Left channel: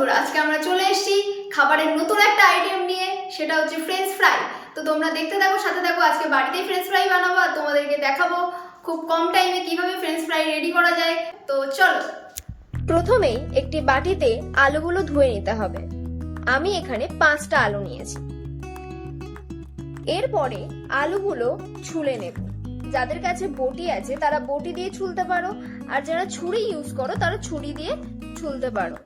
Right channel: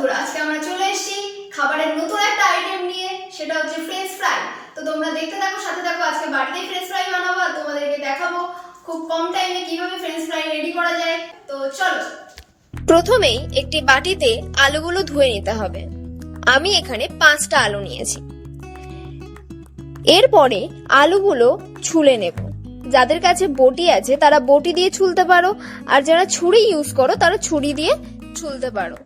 বন্ধুরা, আজকে আমরা চলে এসেছি খাবারের নতুন একটা আইটেম নিয়ে, সেটা হচ্ছে ফ্রেঞ্চ ফ্রাই। তো তোমরা দেখতে থাকো, সাথে থাকো। আজকে বাড়িতেই ফ্রেঞ্চ ফ্রাই বানাবো আর তোমাদেরকে দেখাবো খুব কম টাইমে কিভাবে ফ্রেঞ্চ ফ্রাই রেডি করা যায়। তো চলো। প্রথমেই একটি বাটিতে আলুগুলো ধুয়ে নিতে হবে। আমি এখানে 5টা আলু নিয়েছি। এরপরে আলুগুলো ছুলে নেব। যাদের কাছে বটি আছে তারা বটি দিয়ে ছুলতে পারো, আর যারা ছুরি ইউজ করো তারা ছুরি দিয়ে ছুলতে পারো।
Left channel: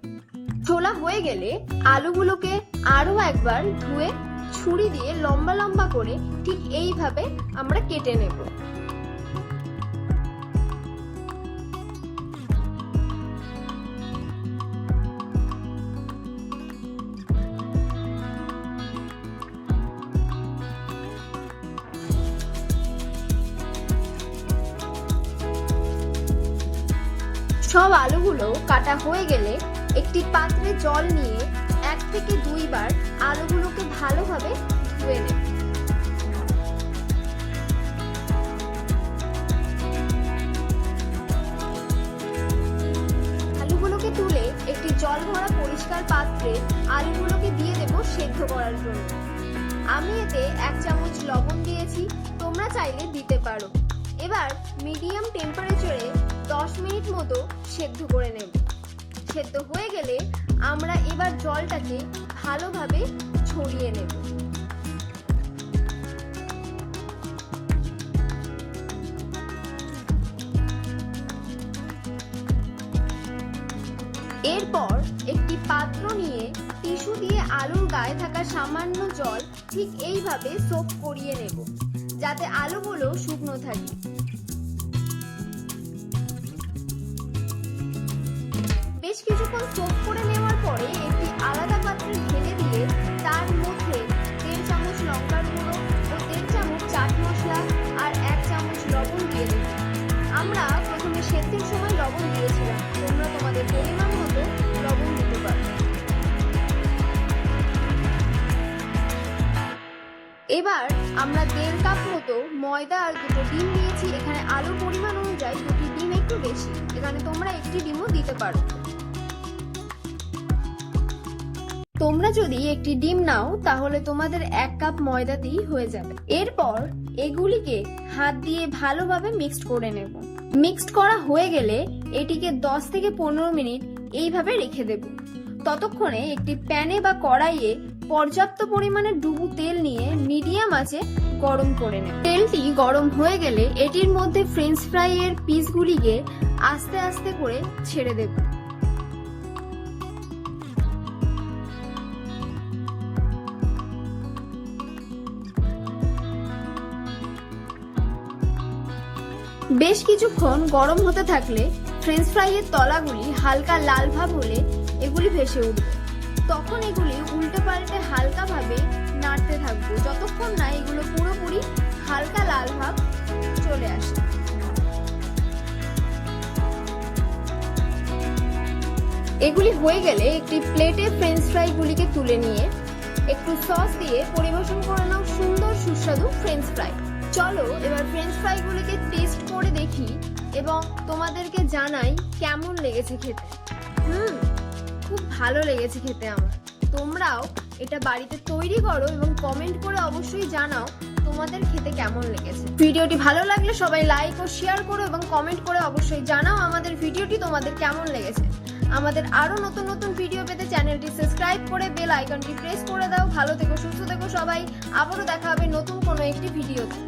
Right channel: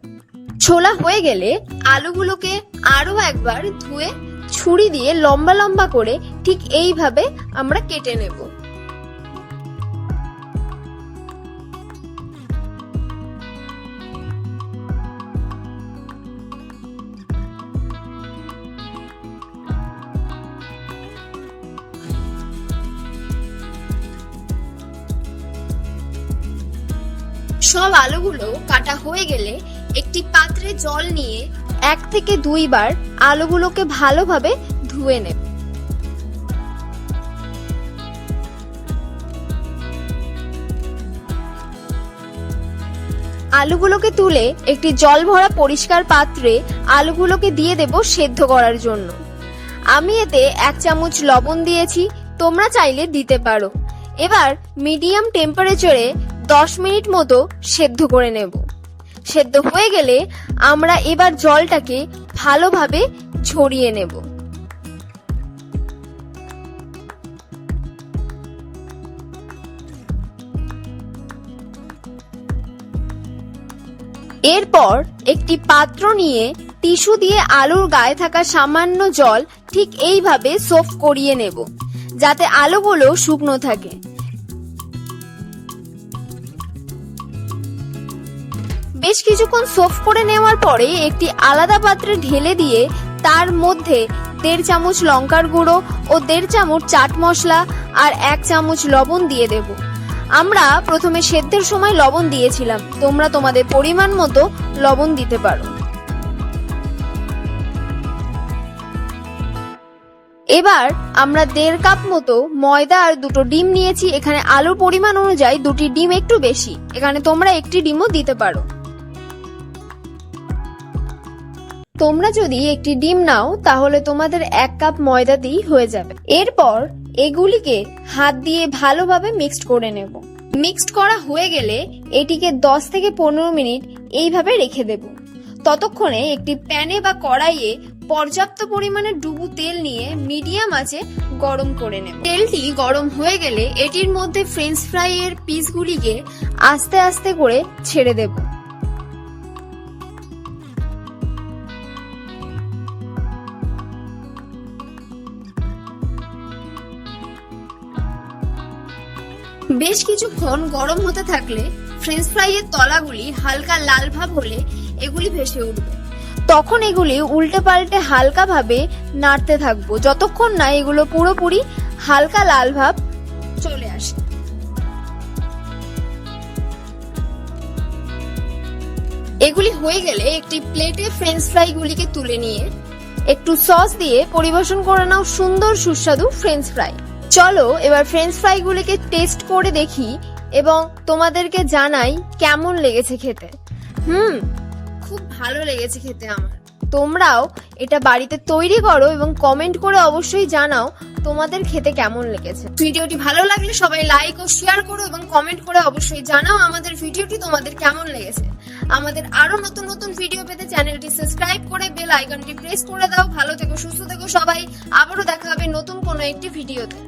ছোলা হয়ে গেলে আলুগুলোকে আরো একবার ধুয়ে ছুরি দিয়ে লম্বা লম্বা করে ঠিক এইভাবে আমরা কেটে নেব। সব আলুগুলো কাটা হয়ে গেলে একটি পাত্রে জল নিয়ে 1 থেকে 2 বার আলুগুলোকে ভালোভাবে ধুয়ে নেব। আলুগুলোকে তুলে একটি জল ভরা পরিষ্কার পাত্রে আলুগুলোকে দিয়ে দেব সেদ্ধ করার জন্য। আমি এতে 1 চামচ লবণ দিয়েছি, তোমরা চাইলে দিতে পারো। এবার মিডিয়াম টেম্পারেচারে 10 মিনিট মতো সেদ্ধ করে নেব। সেদ্ধ হয়ে গেলে আমরা এবার জলটাকে ভালোভাবে ঝরিয়ে নেব। এরপর একটি পাত্র নিয়ে টিস্যু দিয়ে আলুর গায়ে থাকা সামান্য জল ঠিক এইভাবে সোফ করিয়ে নেব, যাতে আলুগুলো শুকনো থাকে। বেশ কিছুক্ষণ সোফ করে নেওয়ার পরে একটি আলাদা পাত্রে ঢেলে দিয়ে তার মধ্যে 1.5 চামচ লঙ্কার গুঁড়ো ও 1.5 চামচ চাট মশলা আর 1 চামচ লবণ দিয়ে দেব। আমরা প্রথমে সেদ্ধের সময় লবণ দিয়েছিলাম, তোমরা তোমাদের পরিমাণ মতো লবণ দিতে পারো। এবার আমরা 1.5 কাপ মতো ময়দা আর 2টো ডিম নিয়েছি। এখানে আলুর পরিমাণ অনুযায়ী 2টি ডিম একটু বেশি, এখানে তোমরা 1টি ডিমও দিতে পারো। তোমরা যদি একটি ডিম নাও তাহলে তোমাদের 1 কাপ ময়দা দিয়ে হয়ে যাবে। এরপর এগুলিকে হাত দিয়ে ভালোভাবে মিক্সড করে নেব। মিক্সড করা হয়ে গেলে এটিকে 10 থেকে 15 মিনিট এইভাবে রেখে দেব। ততক্ষণে একটি প্যানে বা কড়াইয়ে পর্যাপ্ত পরিমাণে ডুবো তেল নিয়ে মিডিয়াম আঁচে গরম করে নেব। তেলটি গরম হয়ে গেলে এটির মধ্যে ফ্রেঞ্চ ফ্রাই এর পিসগুলিকে আস্তে আস্তে করে ছেড়ে দেব। বেশ কিছুক্ষণ গরম হতে থাকলে ফ্রেঞ্চ ফ্রাই এর তলাগুলি হালকা লাল ভাব হলে এগুলি ভেসে উঠবে। তখন এগুলি উল্টে পাল্টে হালকা ভাবে নাড়তে থাকবো যতক্ষণ না এগুলো পুরোপুরি হালকা লাল ভাব চলে আসে। এগুলি হয়ে গেলে একটি প্লেটে ফ্রেঞ্চ ফ্রাই গুলিকে তুলে নিয়ে একটু সস দিয়ে পরিবেশন করে নাও সুন্দর সুস্বাদু ফ্রেঞ্চ ফ্রাই। চলো এবার ফ্রেঞ্চ ফ্রাই গুলিকে টেস্ট করে দেখি এবং তোমাদেরকে জানাই কেমন লেগেছে খেতে। খুব ভালো লেগেছে খেতে আমার। তোমরাও এটা বাড়িতে তৈরি করো এবং কমেন্ট করে অবশ্যই জানাও তোমাদের খেতে কেমন লেগেছে। ভিডিওটি ভালো লাগলে সবাই লাইক ও শেয়ার করো এবং কমেন্ট করে অবশ্যই জানাও আমাদের ভিডিওটি তোমাদের কেমন লেগেছে। আমাদের আরো নতুন নতুন ভিডিও পেতে চ্যানেলটি সাবস্ক্রাইব করে বেল আইকনটি প্রেস করে দাও। ভালো থেকো, সুস্থ থেকো সবাই। আবারও দেখা হবে নতুন কোনো একটি ভিডিওতে।